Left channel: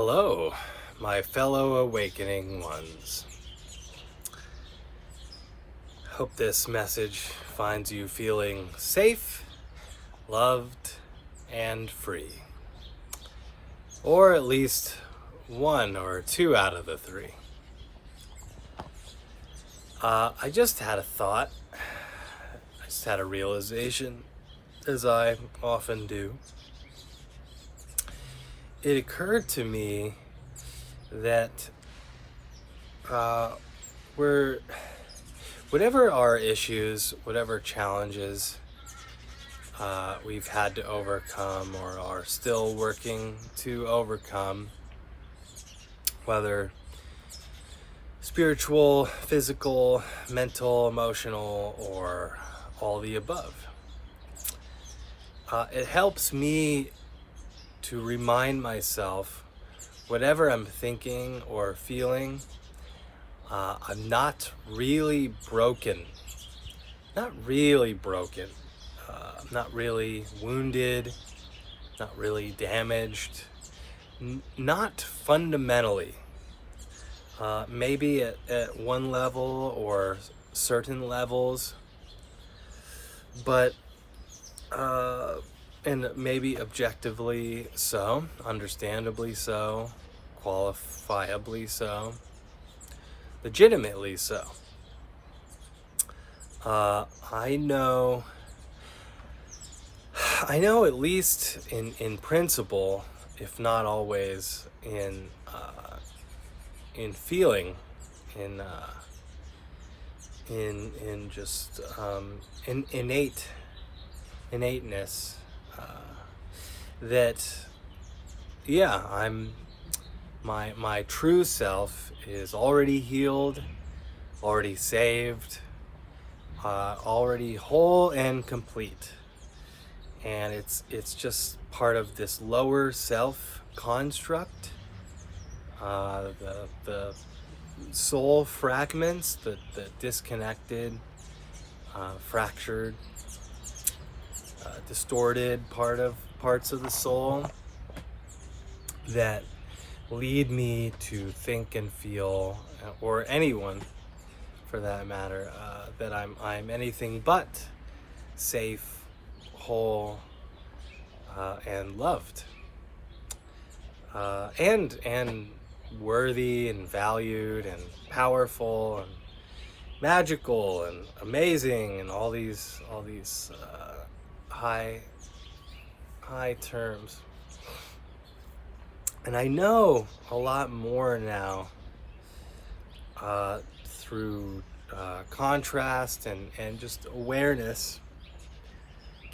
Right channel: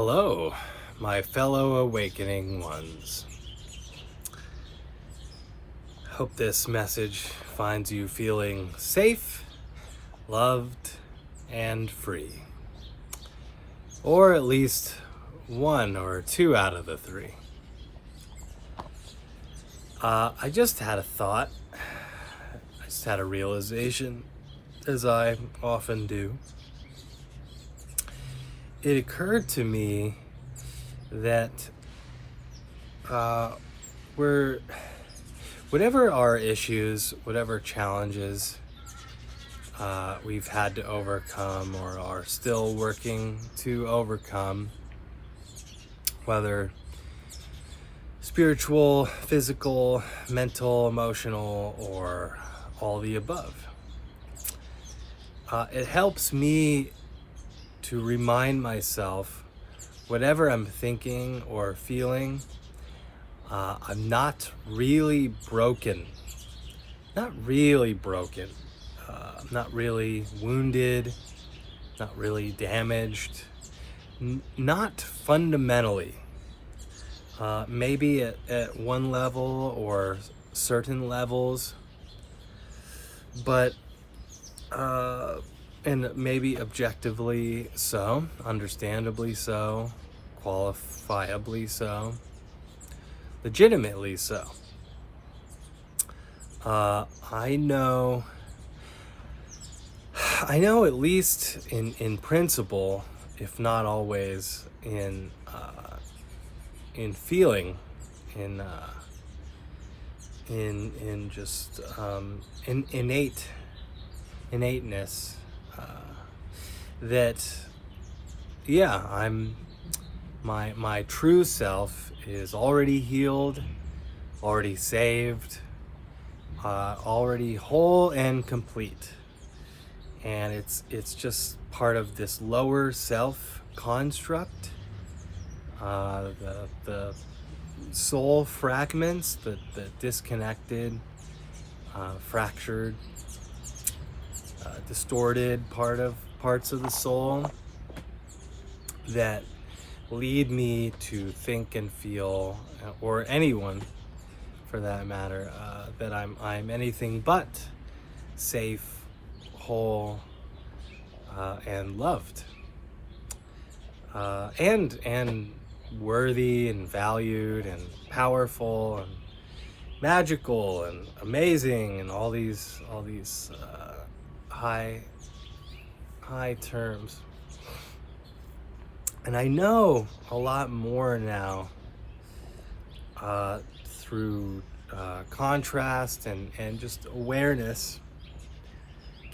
Hello, my fellow awakening ones. Hope this message finds you feeling safe, loved, and free. Or at least one or two out of the three. I just had a thought. I just had a realization, as I often do. It occurred to me that whatever our issues, whatever challenges we've had to overcome or are still working to overcome, whether spiritual, physical, mental, emotional, or all the above, it helps me to remind myself, whatever I'm thinking or feeling, I'm not really broken. Not really broken. Not really wounded. Not really damaged. Not fundamentally. Maybe at one level or certain levels, but and maybe objectively so, understandably so, qualifiably so, legitimately so. I know at least in principle, if not always in feeling, in just innateness, that I'm my true self is already healed, already saved, already whole and complete, and it's just part of this lower self construct, the soul fragments, the disconnected, fractured, distorted parts of the soul that lead me to think and feel, or anyone for that matter, that I'm anything but safe, whole, and loved, and worthy and valued and powerful and magical and amazing and all these high terms. And I know a lot more now through contrast and just awareness.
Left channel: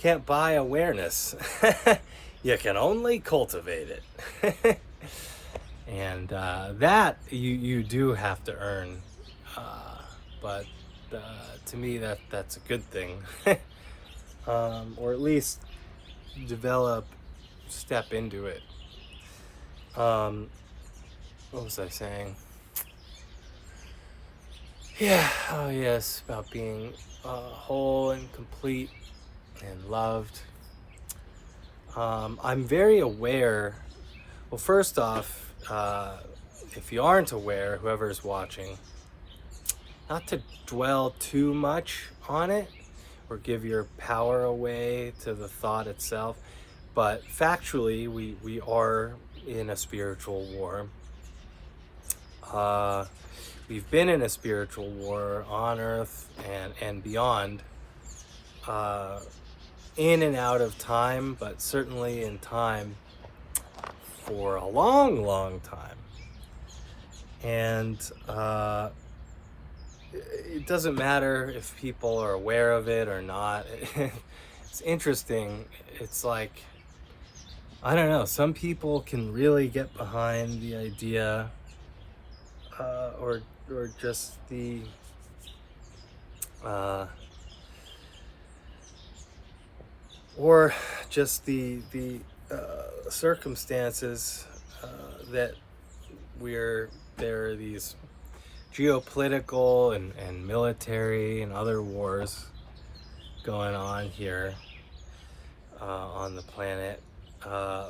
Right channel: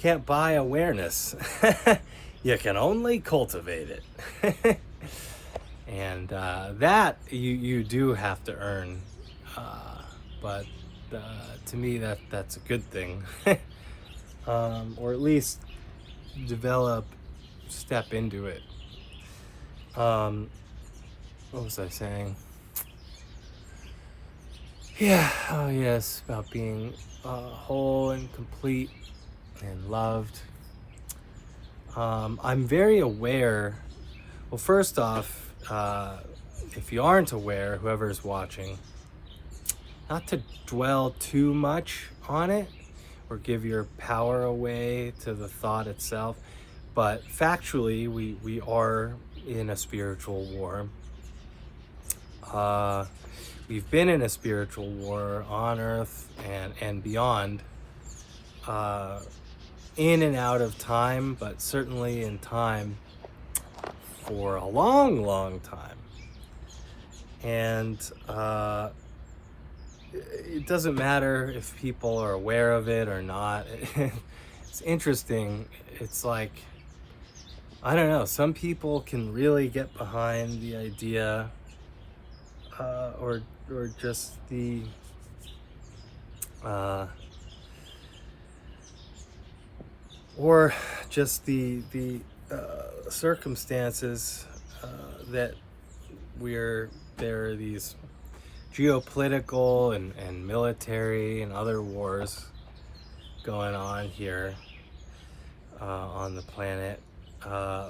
Can't buy awareness. You can only cultivate it. And that you do have to earn. But to me, that's a good thing. Or at least step into it. What was I saying? Yeah, oh yes, about being whole and complete and loved. I'm very aware. Well, first off, if you aren't aware, whoever's watching, not to dwell too much on it or give your power away to the thought itself, but factually, we are in a spiritual war. We've been in a spiritual war on Earth and beyond, in and out of time, but certainly in time for a long, long time. And it doesn't matter if people are aware of it or not. It's interesting. It's like, I don't know, some people can really get behind the idea, or just the circumstances that there are these geopolitical and military and other wars going on here on the planet,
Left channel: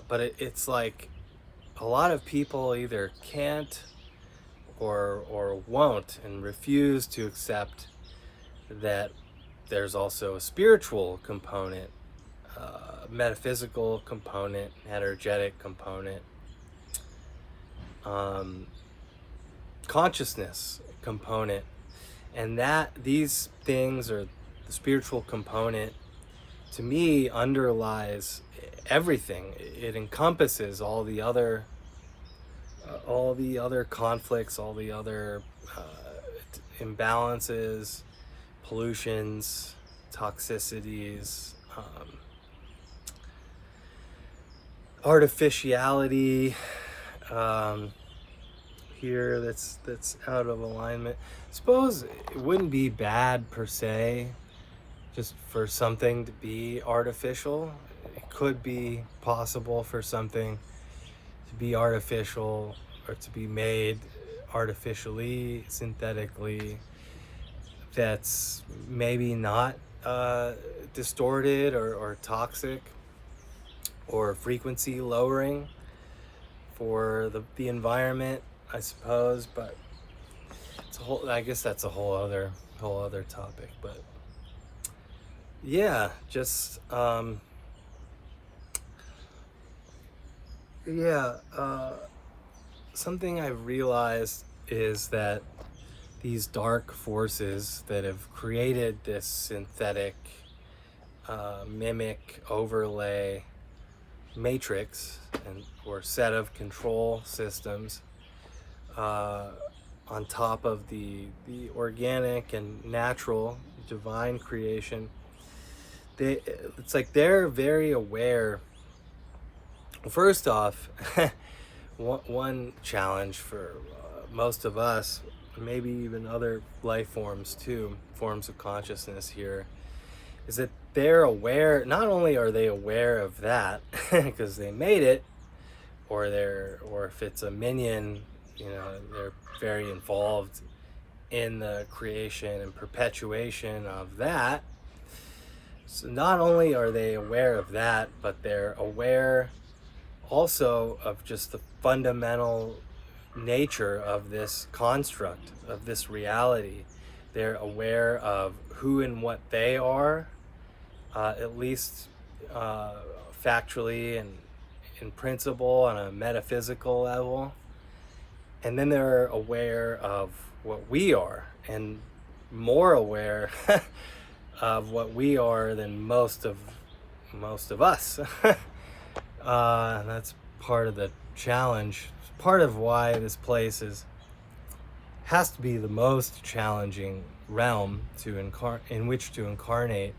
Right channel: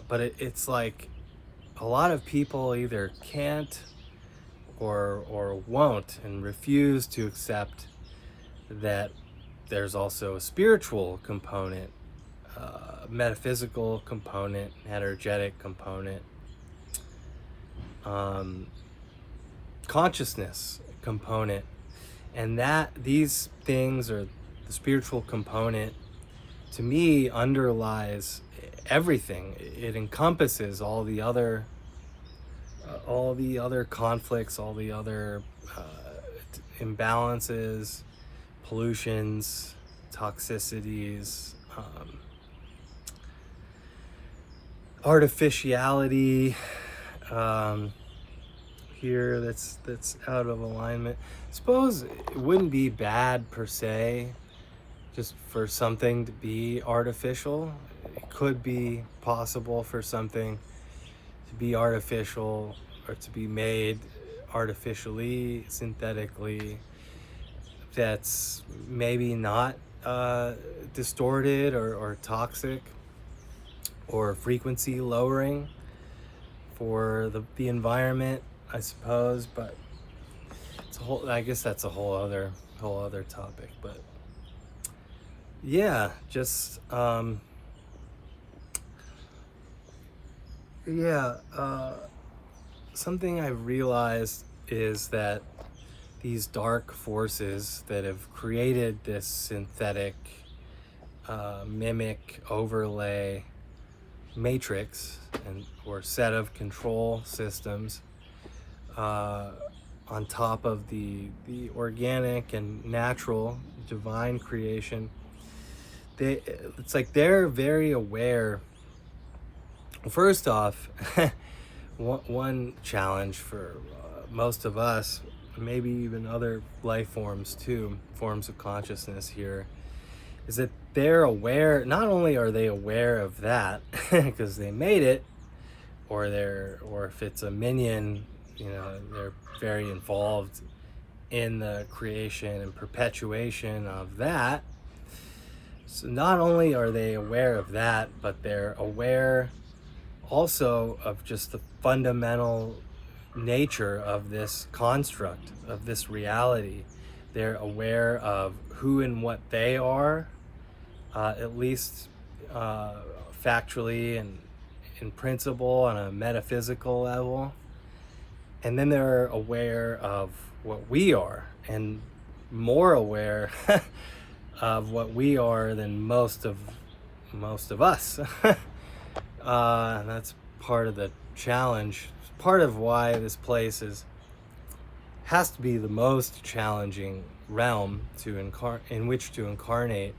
but it's like a lot of people either can't or won't and refuse to accept that there's also a spiritual component, metaphysical component, energetic component, consciousness component, and that these things, or the spiritual component, to me underlies everything. It encompasses all the other conflicts, all the other imbalances, pollutions, toxicities, artificiality here that's out of alignment. I suppose it wouldn't be bad per se just for something to be artificial. It could be possible for something to be artificial or to be made artificially, synthetically, that's maybe not distorted or toxic or frequency lowering for the environment, I suppose. But it's I guess that's a whole other topic. But yeah, just something I've realized is that these dark forces that have created this synthetic mimic overlay matrix or set of control systems on top of the organic and natural divine creation, it's like they're very aware. First off, one challenge for most of us, maybe even other life forms too, forms of consciousness here, is that they're aware. Not only are they aware of that because they made it, or if it's a minion, they're very involved in the creation and perpetuation of that. So not only are they aware of that, but they're aware also of just the fundamental nature of this construct, of this reality. They're aware of who and what they are, at least factually and in principle on a metaphysical level. And then they're aware of what we are, and more aware of what we are than most of us. That's part of the challenge. Part of why this place has to be the most challenging realm in which to incarnate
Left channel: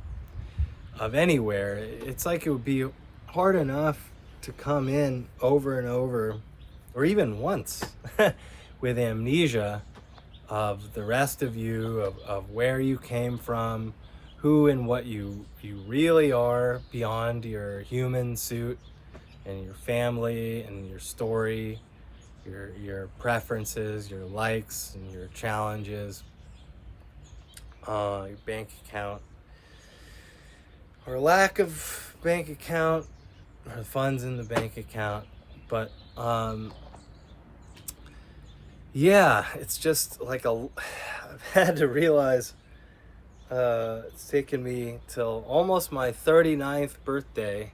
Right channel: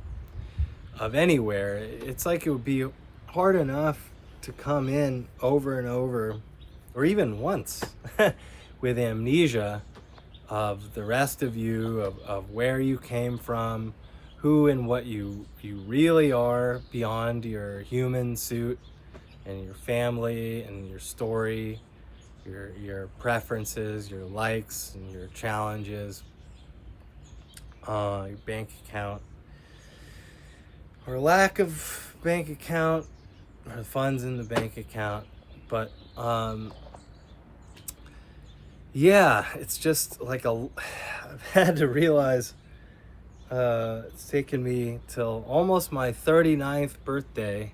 of anywhere. It's like it would be hard enough to come in over and over, or even once, with amnesia of the rest of you, of where you came from, who and what you really are beyond your human suit and your family and your story, your preferences, your likes and your challenges, your bank account, or lack of bank account, or funds in the bank account. But it's just like I've had to realize it's taken me till almost my 39th birthday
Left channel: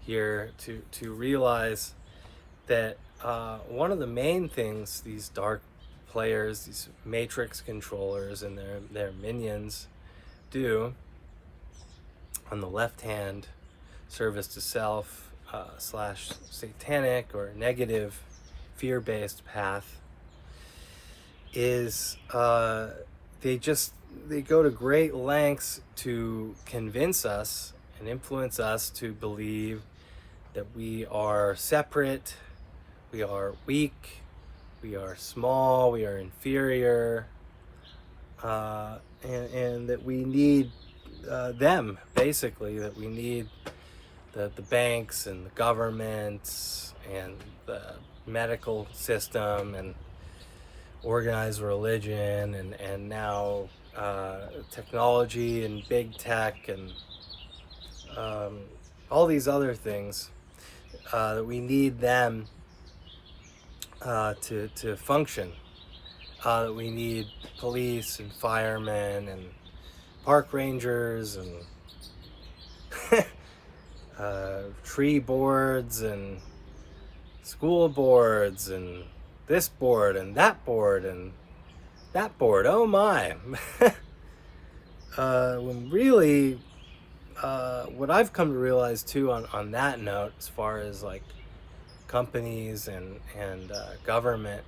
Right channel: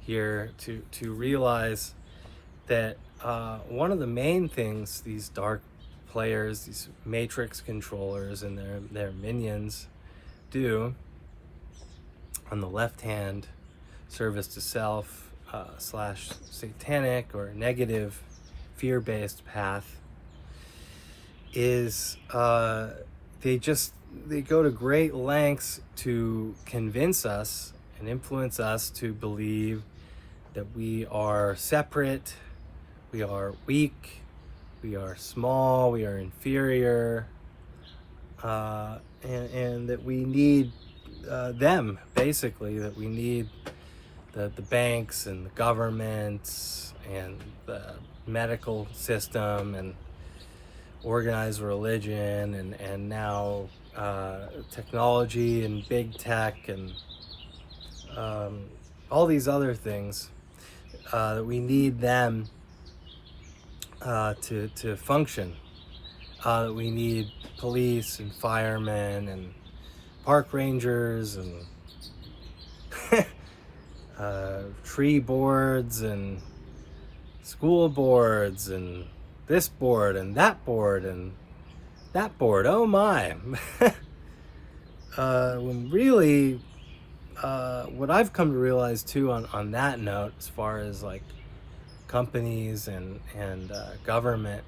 here to realize that one of the main things these dark players, these matrix controllers and their minions do on the left hand, service to self / satanic or negative fear-based path, is they go to great lengths to convince us and influence us to believe that we are separate, we are weak, we are small, we are inferior, and that we need them, basically, that we need the banks and the governments and the medical system and organized religion and now technology and big tech and all these other things, that we need them to function. We need police and firemen and park rangers and tree boards and school boards and this board and that board and that board. Oh my. When really, what I've come to realize too on that note, as far as like companies and government,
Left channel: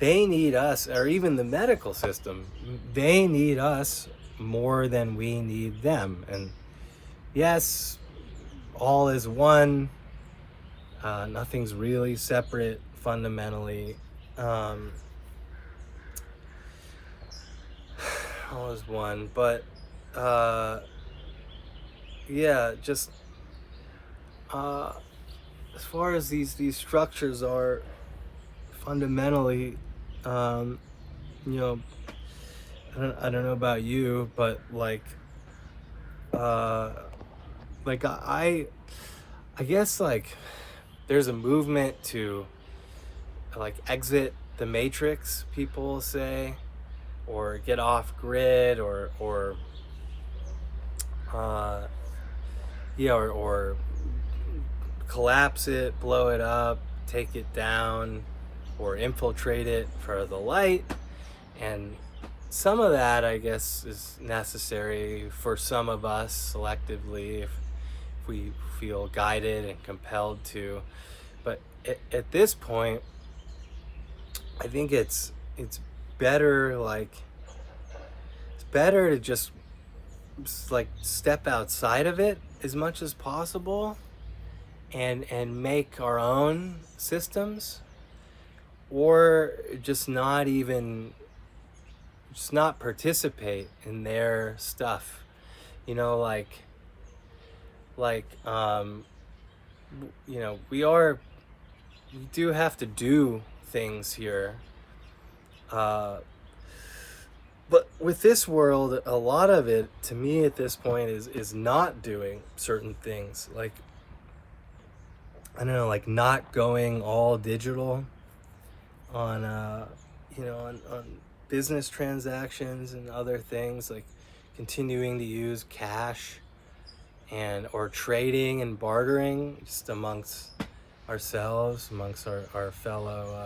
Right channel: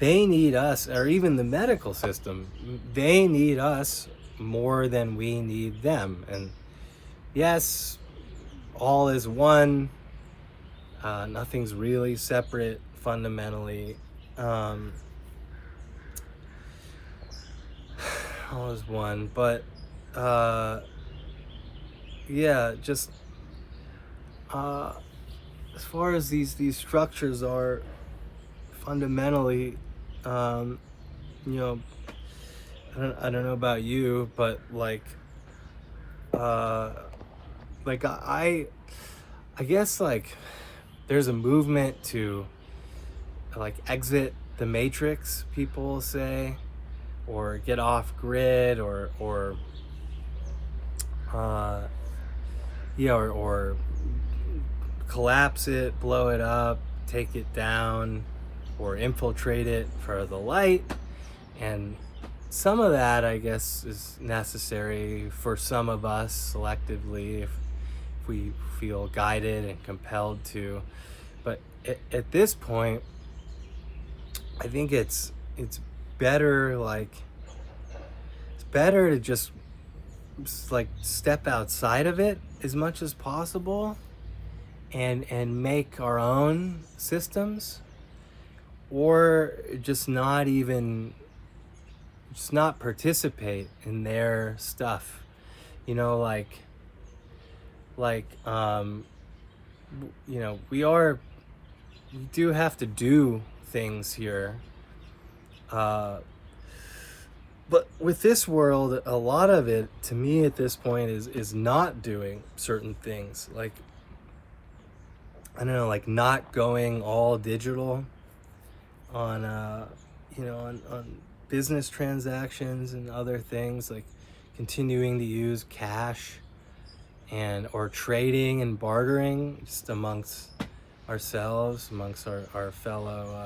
they need us, or even the medical system, they need us more than we need them. And yes, all is one. Nothing's really separate fundamentally. All is one, but yeah, just as far as these structures are fundamentally, you know, I don't know about you, but like I guess like there's a movement to like exit the matrix, people say, or get off grid, or collapse it, blow it up, take it down, or infiltrate it for the light. And some of that, I guess, is necessary for some of us selectively, if we feel guided and compelled to. But at this point, I think it's better, like, it's better to just like step outside of it as much as possible and make our own systems, or just not participate in their stuff, you know, like you know, we do have to do things here, but with this world, a lot of it, to me at this point, is not doing certain things, like, I don't know, like not going all digital on you know, on business transactions and other things, like continuing to use cash and or trading and bartering just amongst ourselves, amongst our fellow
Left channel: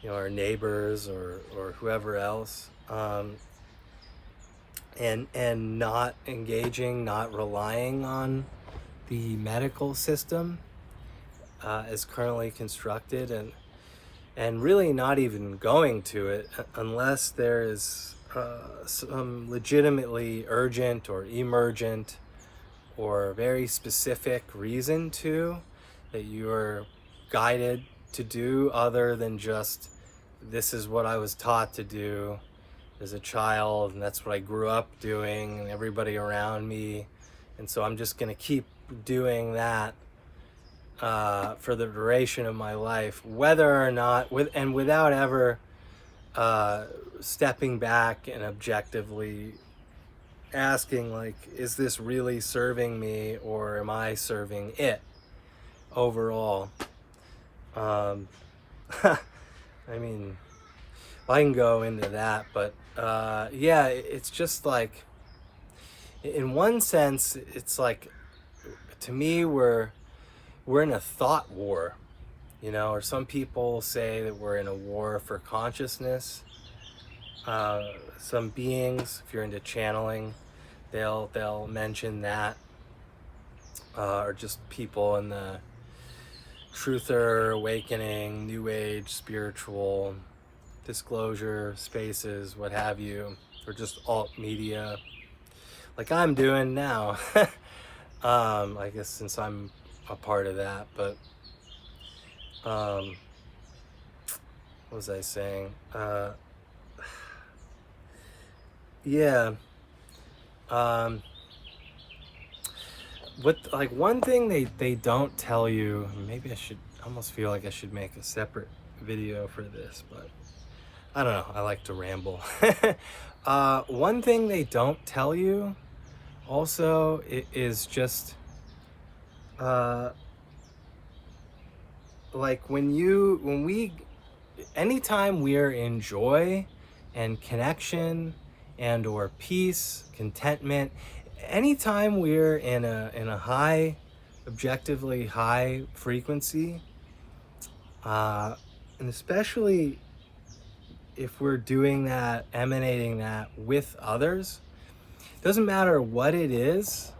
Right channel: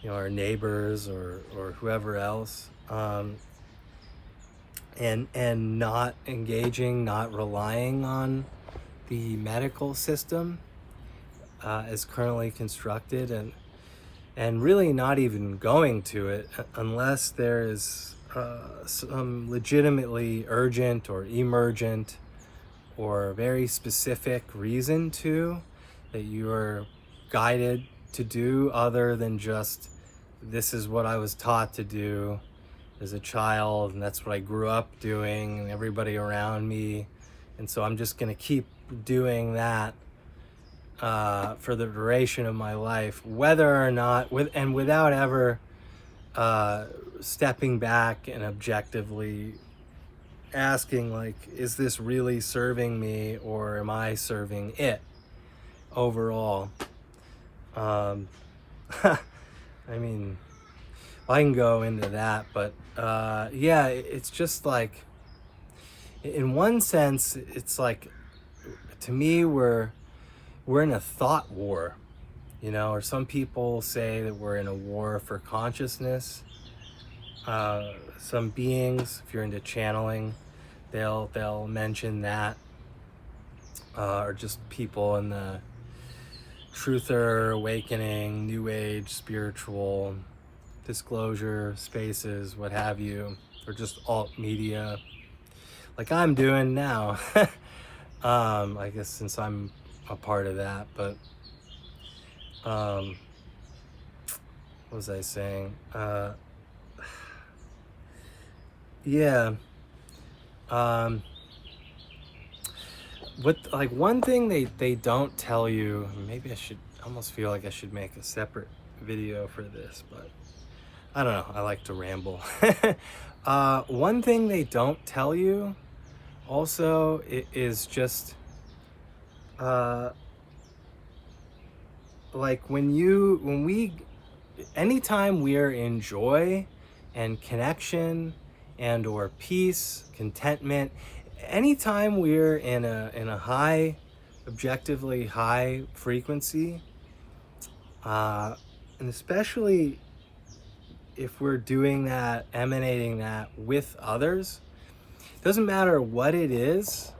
you know, our neighbors or whoever else, and not engaging, not relying on the medical system as currently constructed, and really not even going to it unless there is some legitimately urgent or emergent or very specific reason to that you are guided to do, other than just, this is what I was taught to do as a child, and that's what I grew up doing, and everybody around me, and so I'm just going to keep doing that for the duration of my life, whether or not, without ever stepping back and objectively asking, like, is this really serving me, or am I serving it overall? I mean, I can go into that, but yeah, it's just like, in one sense, it's like, to me, we're in a thought war, you know, or some people say that we're in a war for consciousness. Some beings, if you're into channeling, they'll mention that, or just people in the truther, awakening, new age, spiritual, disclosure spaces, what have you, or just alt media, like I'm doing now. I guess since I'm a part of that, but what was I saying? Yeah. What, like, one thing they don't tell you, maybe I almost feel like I should make a separate video for this, but I don't know, I like to ramble. One thing they don't tell you also is just like anytime we're in joy and connection and or peace, contentment, anytime we're in a high, objectively high frequency, and especially if we're doing that, emanating that with others, doesn't matter what it is,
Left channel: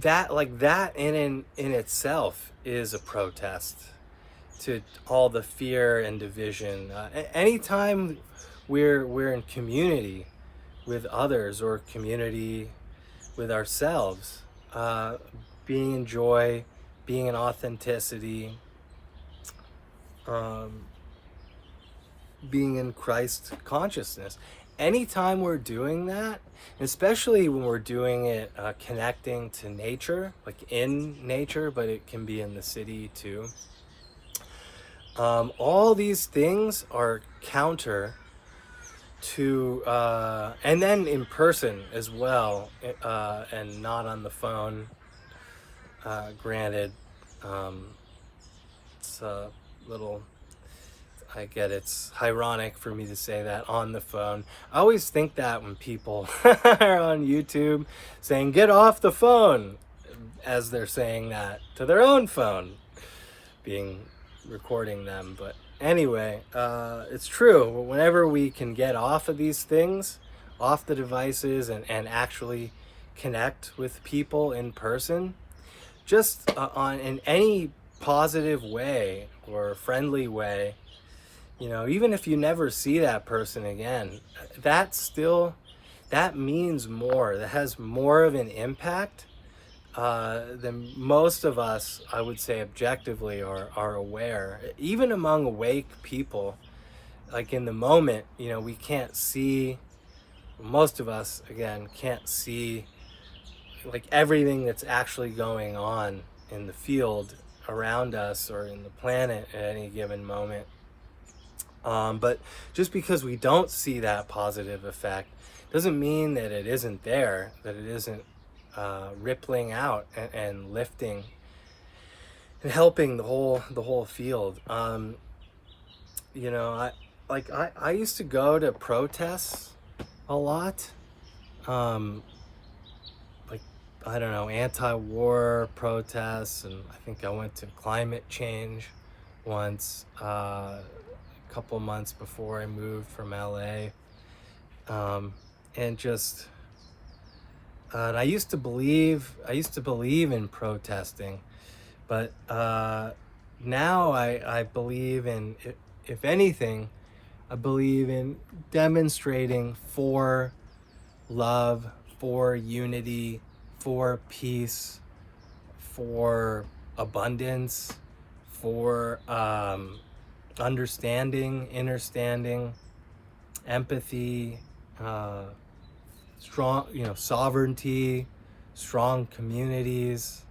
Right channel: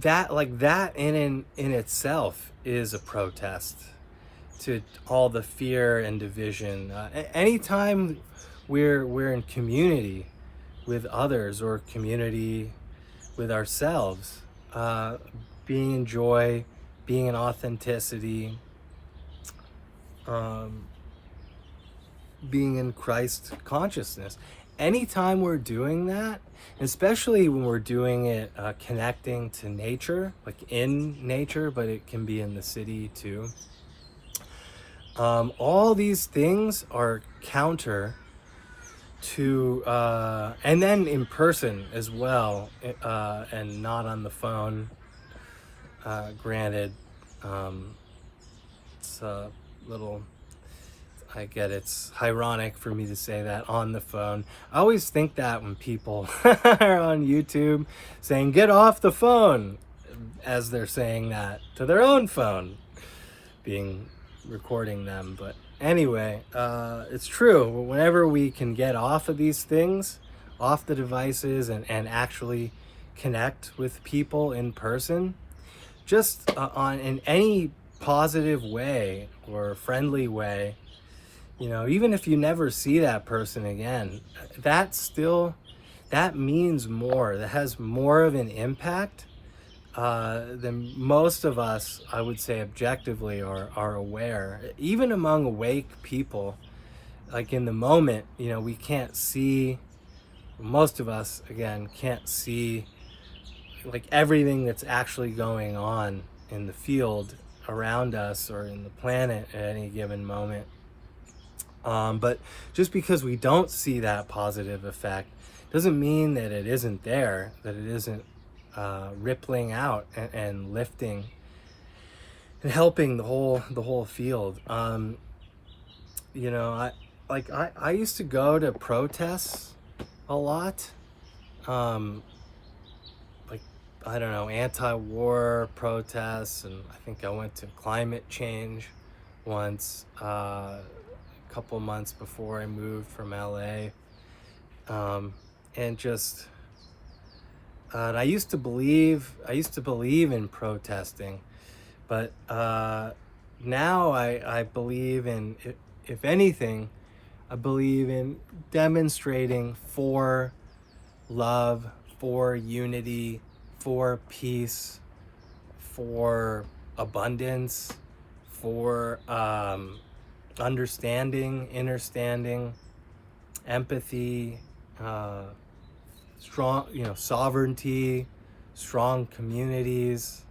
that in itself is a protest to all the fear and division. Anytime we're in community with others or community with ourselves, being in joy, being in authenticity, being in Christ consciousness. Anytime we're doing that, especially when we're doing it connecting to nature, like in nature, but it can be in the city too. All these things are counter to, and then in person as well, and not on the phone. Granted, it's a little, I get it's ironic for me to say that on the phone. I always think that when people are on YouTube saying, get off the phone, as they're saying that to their own phone, recording them. But anyway, it's true. Whenever we can get off of these things, off the devices, and actually connect with people in person, just in any positive way or friendly way, even if you never see that person again, that means more. That has more of an impact than most of us, I would say, objectively are aware. Even among awake people, like in the moment, we can't see, most of us, again, can't see like everything that's actually going on in the field around us or in the planet at any given moment. But just because we don't see that positive effect doesn't mean that it isn't there, that it isn't rippling out and lifting and helping the whole field. I used to go to protests a lot, I don't know, anti-war protests, and I think I went to climate change once, a couple months before I moved from LA, and just, and I used to believe in protesting, but now I believe in, if anything, I believe in demonstrating for love, for unity, for peace, for abundance, for understanding, innerstanding, empathy, strong, sovereignty, strong communities,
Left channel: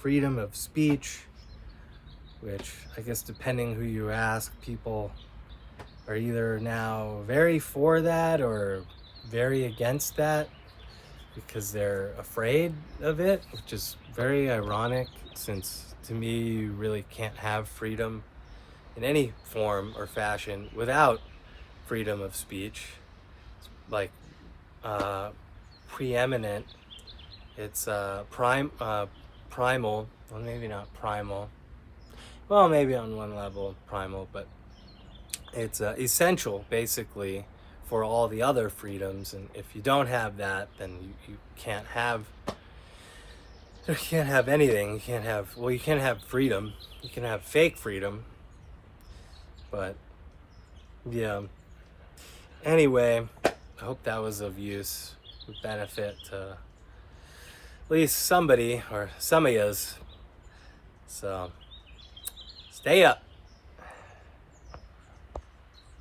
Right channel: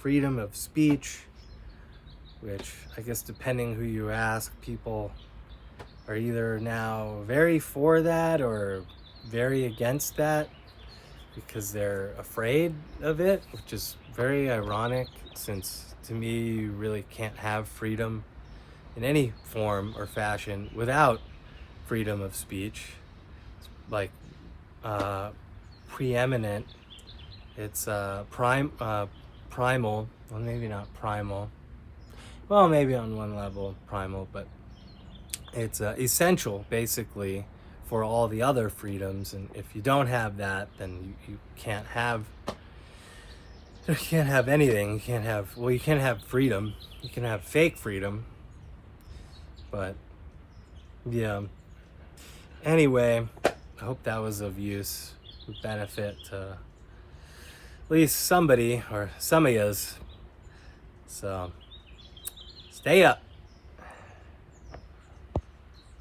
freedom of speech, which I guess depending who you ask, people are either now very for that or very against that because they're afraid of it, which is very ironic, since to me you really can't have freedom in any form or fashion without freedom of speech. It's like preeminent, it's primal, well, maybe not primal, well, maybe on one level primal, but it's essential basically for all the other freedoms. And if you don't have that, then you can't have anything. You can't have freedom. You can have fake freedom, but yeah. Anyway, I hope that was of use, benefit to at least somebody or some of yous. So stay up.